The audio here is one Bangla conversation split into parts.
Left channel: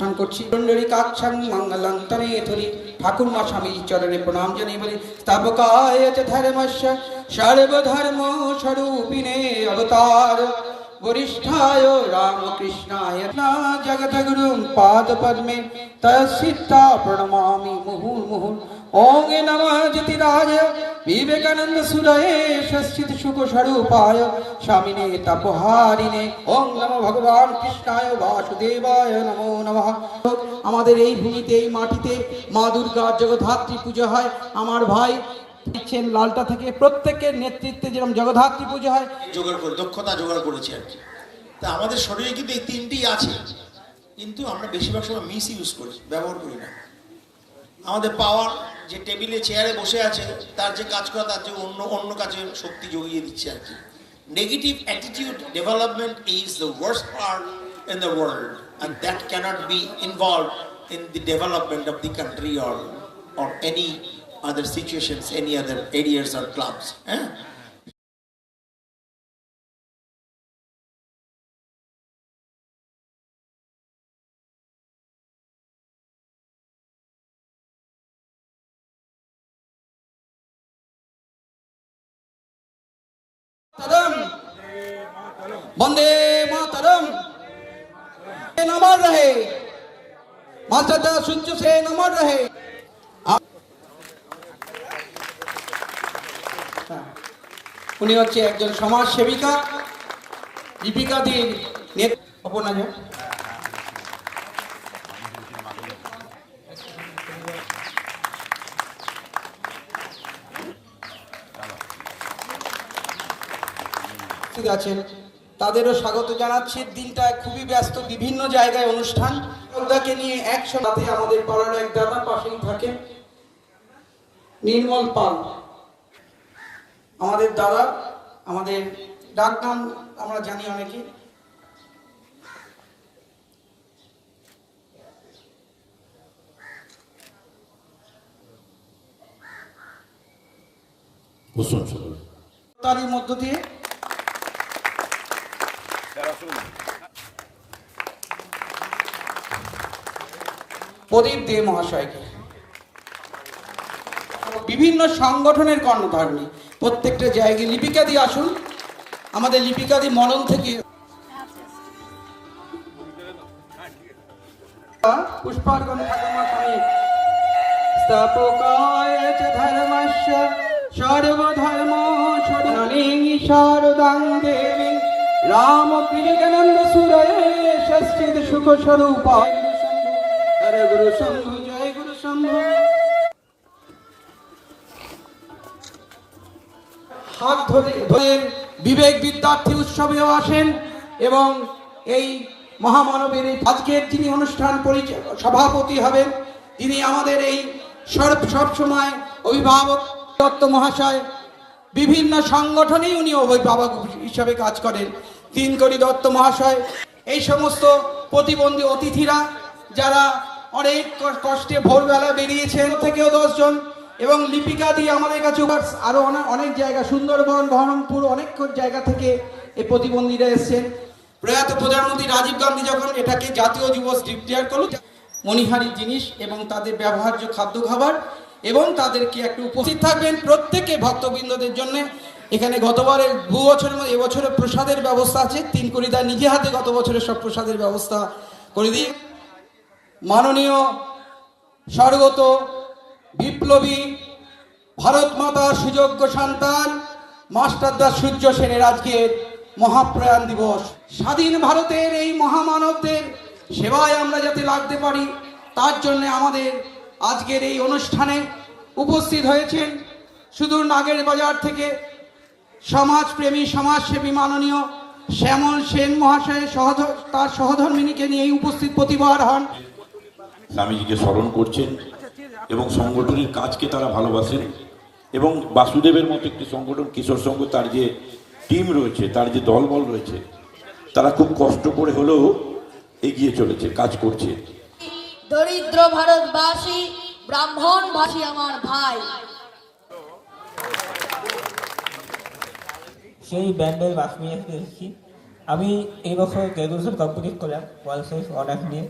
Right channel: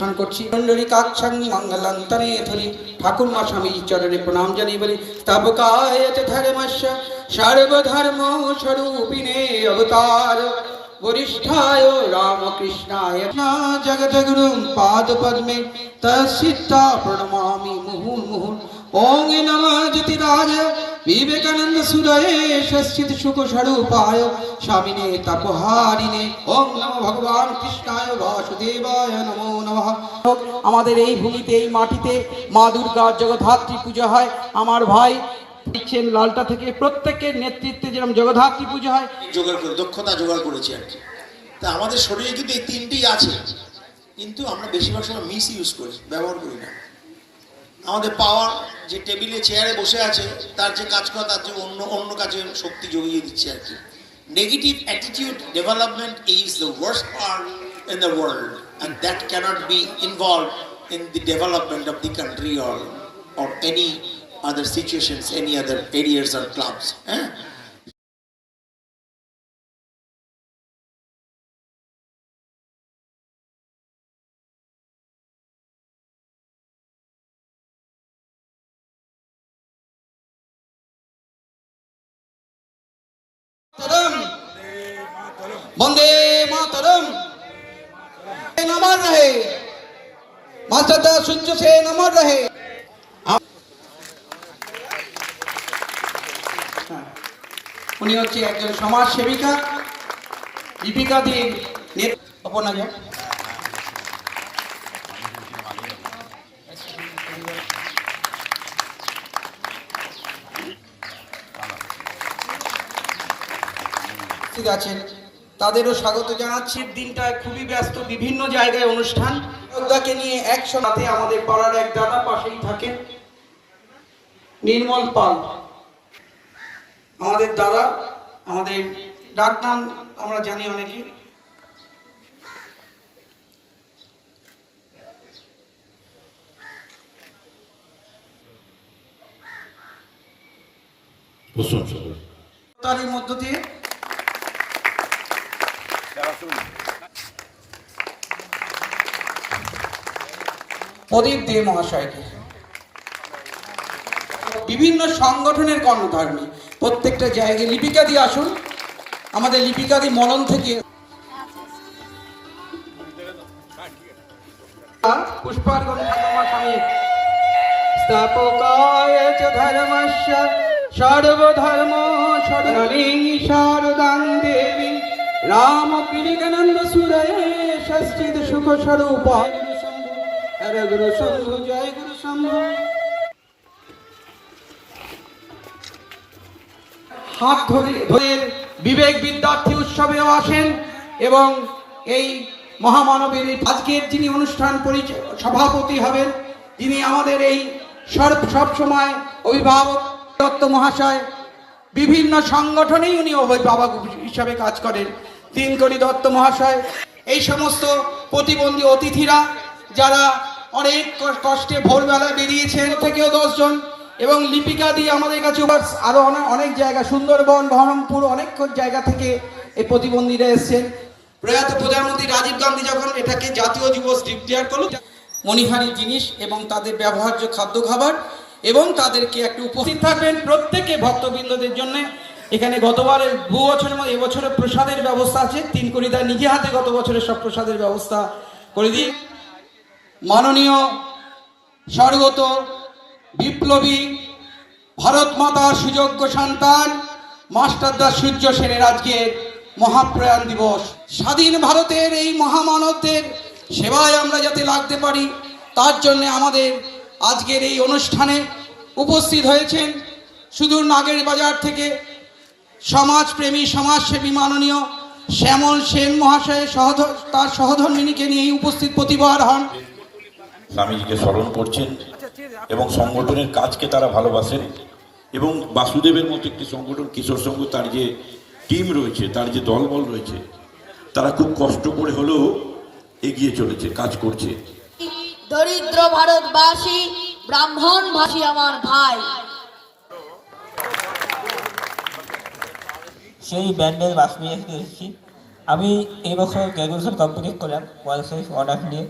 অনুষ্ঠান করছি কুণ্ডলিকাক্ষং মঙ্গলান্তরে ধরি ঠাকুর মা স্বামী চরণে প্রণাম জানিয়ে বলি স্থাপকায় চ ধর্মস্য সর্বধর্ম স্বরূপিণে অবতার वरिष्ठाय रामकृष्णाय न जगद्गुरुं पादपद्मे तस्सिद्धा प्रणमामि मुहुर्मुहुः ওং নম জ্যোতিরাজ বিবেকানন্দ সুদয়ে সশ্চিত সুখ স্বরূপায় স্বামিনে তপহারিণে ওং নম ভগবান কৃষ্ণায় বাসুদেবায় নমো নম আমাদের এই ভূমিতে এই মাটিতে মা দুর্গার জগদ্ধাত্রী পুজো হয়। আমার ভাই দিচ্ছেন লালটা থেকে প্রত্যেকের নেতৃত্বে যেরকম জগদ্ধাত্রী পুজো হয়। জোগাড় করে দক্ষতা জোগাড় করেছি আর কি। তা আমাদের শরীরে কিন্তু এই তিনটি আছে। কিন্তু আমরা বেশিরভাগ সময় মিস ইউজ করি ব্যবহার করি না। আমাদের পাওয়ার যে টেবিলে, চেয়ারে বসে আছে, তার যে কাজ করা, তার যে অন্য অন্য কাজের শক্তি জড়িয়ে দিচ্ছে আর কি negative attitude development is the worst part in the world and that cannot be involve in the development of the country or or any other situations any other areas are clubs Eh? Vande Mataram. নমর রহে। মাতা সূর্য সে নমর রহে। উনি হচ্ছে একজন সমাজ সেবিকা দীপিকাদের নেতা ঠিক আছে। তাদেরও স্বাগত জানাচ্ছি। দিনটা খুবই ব্যস্ত বিভিন্ন জায়গায় অনুষ্ঠান। যোদ্ধাকে নিয়ে একসাথে আমাদের পাড়ার এক দাদা পাশেই থাকেন। নির্মল পাল। আমাদের দাদা আমাদের ডাক নাম আমরা জানি অনেকে। তারই মধ্য দিয়ে প্রদীপ দে মহাশয়কে। বিভিন্ন সংগঠনের কর্ণধারণী প্রত্যেকটা জায়গায় লিপিকা দিয়ে আসুন। আমাদের লিপিকা দিয়ে মনন থেকে পুষ্পার্ঘন ঠাকুমা সর্বধর্ম রাম বিবেকানন্দ সুরে ষষ্ঠিত সুখ স্বরূপ হরে গুরু শম্ভু জয় গুরু শম্ভু হাত ধরে বিবেক বিদ্যার্থী উৎসবেও আসেন এবং এই মহামানবের আজকের যিনি অনুষ্ঠান পরিচয় সভাপতি হবেন, তিনি আমাদের এই সর্ব সবসময় অভিভাবক, দত্ত মহাশয়, বিভিন্ন সংগঠনেই উনি অভিভাবক হিসাবে কাজ করেন। তিনকড়ি দত্ত মহাশয়, এই সমস্ত প্রতিবন্ধী অতিথিরা যারা অনেক কষ্টে ভোরবেলা বেরিয়েছেন থেকেও দশজন। এবং লিপিকা দিয়ে আমাদের কাছে আরও অনেক জায়গা, সুন্দরবন, বহরমপুর অনেক জায়গা থেকে এই প্রতিবন্ধীরা এসেছেন। প্রয়াত প্রধানমন্ত্রী রাজীব গান্ধী যখন এটাকে জাতীয় যুব ডিক্লেয়ার করল, মণিহারি জিনিস এবং তাদের ব্যবহার্য খাদ্য খাবার এবং তাদেরকে একটু উপস্থিত থাকবেন প্রত্যেকে ভক্তবৃন্দদের জন্য। এখানে গতবারের দু বছর এবং এবছরের প্রসাদের ব্যবস্থা আছে। তিন করিদা নিজে হাতে গত বছরের সব প্রসাদের ব্যবস্থা করে দিই। মাননীয় স্বর্গত বিপ্লবী ভারত মাতার সুযোগ্য সন্তান মাস্টারদাস সূর্য সেনের আজকের মহাপ্রয়াণ দিবস। স্বাধীন ভারতের এই মহামানবদের সেবায় আমরা যাতে লাগতে পারি, তার জন্য আমাদের আজকের এই অনুষ্ঠানে উপস্থিত হয়েছেন সুদূর নাগের বাজার থেকে সমাজপ্রেমী, সমাজসেবী মাননীয় শ্যামল সেন মহাশয় সহধ, তার সহধর্মিনীকে নিয়ে উপস্থিত প্রতিবার হন। স্বামীজিকে স্মরণ করছেন এবং সংগঠনের কাজকে তারা ভালোবাসেন। এবং বাসুদেবের মতো একটি সংগঠন কিশোর সংঘ তার যে টিম রয়েছে তার যে দলবল রয়েছে তারা খুব কষ্ট করে হলেও এগিয়ে চলেছে কাজ করছে। দরিদ্র ভারতবাসী ব্রাহ্মণ ভাষী আমার ভাই। সেই ব্যান্ডের বাস নিয়ে এসে এসেছি আমি এই বছর গ্র্যাজুয়েশন কমপ্লিট করলাম ওয়ান সাইজ অর্ডার নিয়ে।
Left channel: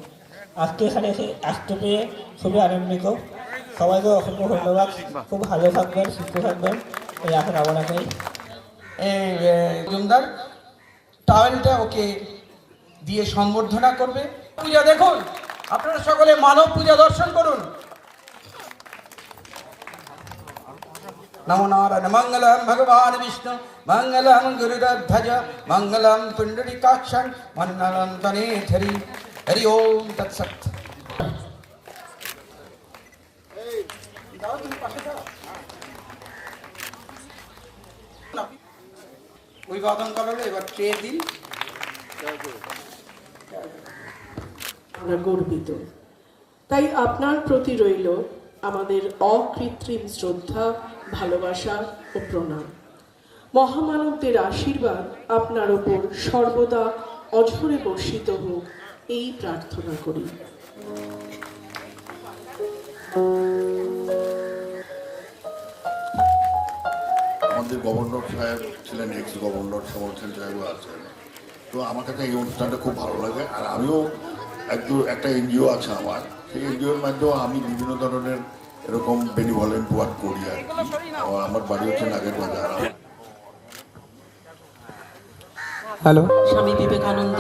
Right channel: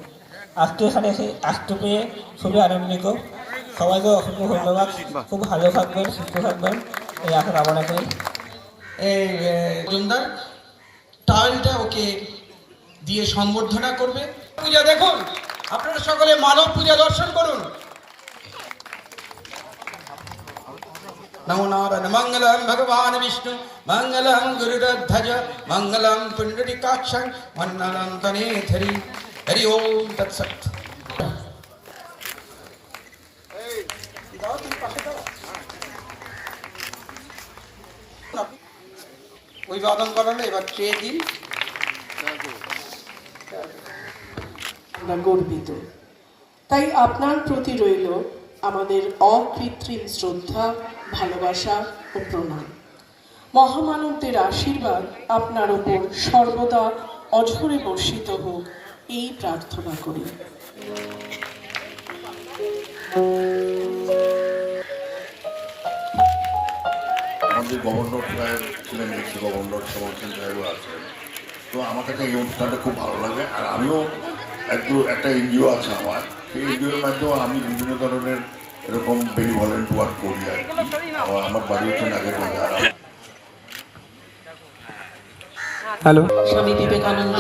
আজকে এখানে এসে আসতে পেয়ে খুবই আনন্দিত। সবাইকে অসংখ্য ধন্যবাদ। খুব ভালো থাকবেন, সুস্থ থাকবেন। এই আশা কামনা করি। এই জুমদার টাওয়েলটা ওকে দিয়ে সম্বর্ধনা করবে। পূজা দেখুন, আপনারা সকলে মানব পূজা দর্শন করুন। নমো নারায়ণ, মঙ্গলম ভগবান বিষ্ণু, মঙ্গলম গুরুরধ্বজ মঙ্গলম পুণ্ডরিকাক্ষং মঙ্গলম তনেধরি তুমি পাশে দাও অভিবাদন করালো এবার ট্রে দিন? গর্বিত। তাই আপনার প্রতি রইল আমাদের অকৃত্রিম শ্রদ্ধা, ভালোবাসা ও প্রণাম। মহামানবদের আশীর্বাদ আপনার ওপর সর্বদা অঝরে বর্ষিত হোক। এই প্রার্থনা করি। আমাদের গভর্নর সাহেব ছিলেন এক্স গভর্নর সমর্থন সাহেবও আছেন। তো আমার কাছে এই অনুষ্ঠানটা খুব ভালো লাগে। আর আমিও একটু একটা এনজিও আছে আমার। সেই এনজিওর মাধ্যমে আমি বিভিন্ন ধরনের এরকম বেনিভলেন্ট ওয়ার্ক করি আর কি। আমার বাড়ি হচ্ছে আর হ্যালো। স্বামী বিবেকানন্দ।